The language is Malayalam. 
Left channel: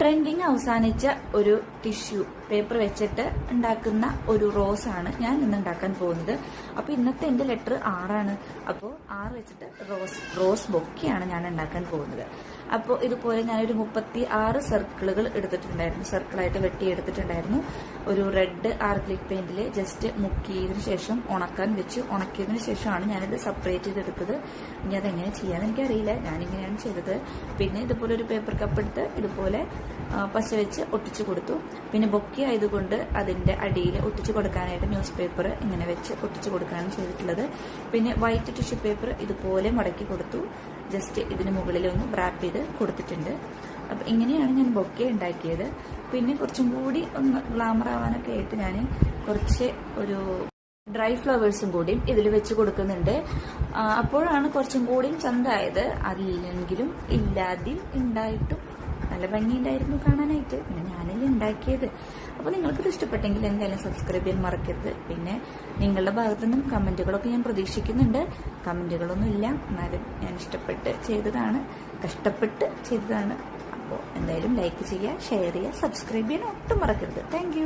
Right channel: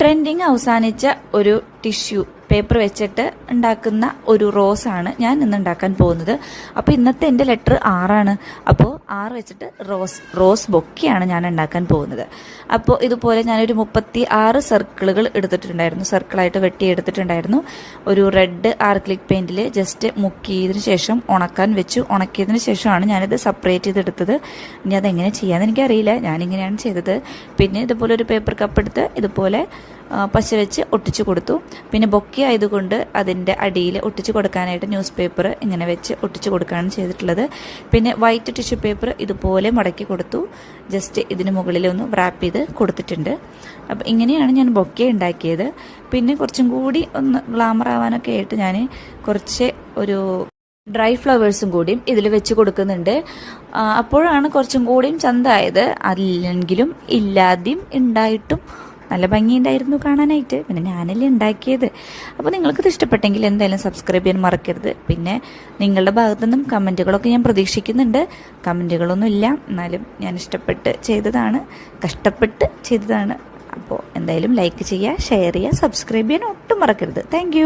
ട്രെൻഡിങ് അവസാനിച്ച ഒരു ടിഷ്യൂ പേപ്പർ വെച്ചിട്ട് ഉണ്ടാക്കുന്ന ഒരു റോസാണ് ഞാൻ ഇന്ന് ഉണ്ടാക്കാൻ പോകുന്നത്. അപ്പോൾ ഇന്നത്തെ എൻ്റെ ലെറ്റർ 6 അപ്പോൾ 6 വെച്ചിട്ട് റോസ് ബൊക്കെയാണ് ഞാൻ ഉണ്ടാക്കാൻ പോകുന്നത്. അപ്പോൾ ഇതുപോലെ ഞാനൊരു 36 സർക്കിളുകൾ എടുത്തിട്ടുണ്ടായിരുന്നു, സർക്കിളായിട്ട് വെട്ടിയെടുത്തിട്ടുണ്ടായിരുന്നു. ഒരു റെഡ് ആർക്ലിക് പെയിൻറ്റിൽ ജസ്റ്റ് മുക്കിയതിന് ശേഷം ഉണക്കാൻ വെച്ചു. ഉണക്കിയതിന് ശേഷമാണ് ഞാനിത് സെപ്പറേറ്റ് ചെയ്തെടുത്തത്. ഇനി അതെങ്ങനെ ചെയ്യാമെന്ന് എനിക്കറിയില്ല, ഞാനിങ്ങനെയാണ് ചെയ്തത്. പിന്നെ ഇതുപോലെ ഒരു പേപ്പർ കപ്പ് എടുത്ത് ഇതുപോലെ പശ വെച്ച് ഒട്ടിച്ചു കൊടുത്തു. പിന്നെ ബൊക്കെ ആയതുകൊണ്ട് അതിൻ്റെ അടിയിൽ ഒട്ടിച്ചു കൊടുക്കാനായിട്ട് ന്യൂസ് പേപ്പർ ഇങ്ങനെ വെച്ച് ഒട്ടിച്ചു കൊടുക്കുകയാണ് ചെയ്തിട്ടുള്ളത്. പിന്നെ വൈറ്റ് ടിഷ്യൂ പേപ്പർ ഇതുപോലെ മടക്കി കൊടുത്തു, ജസ്റ്റ് ഇതിന് മുകളിലൊന്ന് റാപ്പ് ചെയ്ത് കൊടുത്തിട്ടുണ്ട്. അപ്പം ഇങ്ങനെയാണ് ഞാൻ ബൊക്കെ ഉണ്ടാക്കിയത്. പിന്നെ കുറച്ചും കൂടി ഒന്ന് ഗ്ലാമർ ആവാനൊക്കെ ആയിട്ട് ഞാൻ കുറച്ച് ഒരു ഡ്രൈ ഫ്ലവേഴ്സും കൂടിയും ഇതിൽ വെച്ച് കൊടുക്കുന്നുണ്ട്. അപ്പോഴാണ് കുറച്ചും കൂടിയും ചന്തമായത്. അല്ലെങ്കിലും ഇല്ലാതെയും ഉണ്ടായിട്ടും നല്ല ഭംഗിയുണ്ടായിരുന്നു കാണാനായിട്ട്. പിന്നെ ഞാനല്ലേ ഉണ്ടാക്കിയത്. അപ്പോൾ നിങ്ങൾക്കിത് ഇഷ്ടപ്പെട്ടെങ്കിൽ എന്തായാലും സബ്സ്ക്രൈബ് ചെയ്യാൻ മറക്കരുത്. പിന്നെ നിങ്ങളുടെ ഭാഗത്തു നിന്നും കമൻറ്റുകളൊക്കെ ഞാൻ പ്രതീക്ഷിക്കുന്നുണ്ട്. കമൻറ്റുകളൊന്നും ഇല്ല, എന്നാലും ഞാൻ ഇഷ്ടപ്പെട്ട് ചെയ്തതാണ്, കഷ്ടപ്പെട്ട് ചെയ്തതാണ്. അപ്പോൾ എന്തായാലും ലൈക്ക് ചെയ്യുക, ഷെയർ ചെയ്യുക, സബ്സ്ക്രൈബ് ചെയ്യാൻ ഒട്ടും മറക്കരുത്. താങ്ക്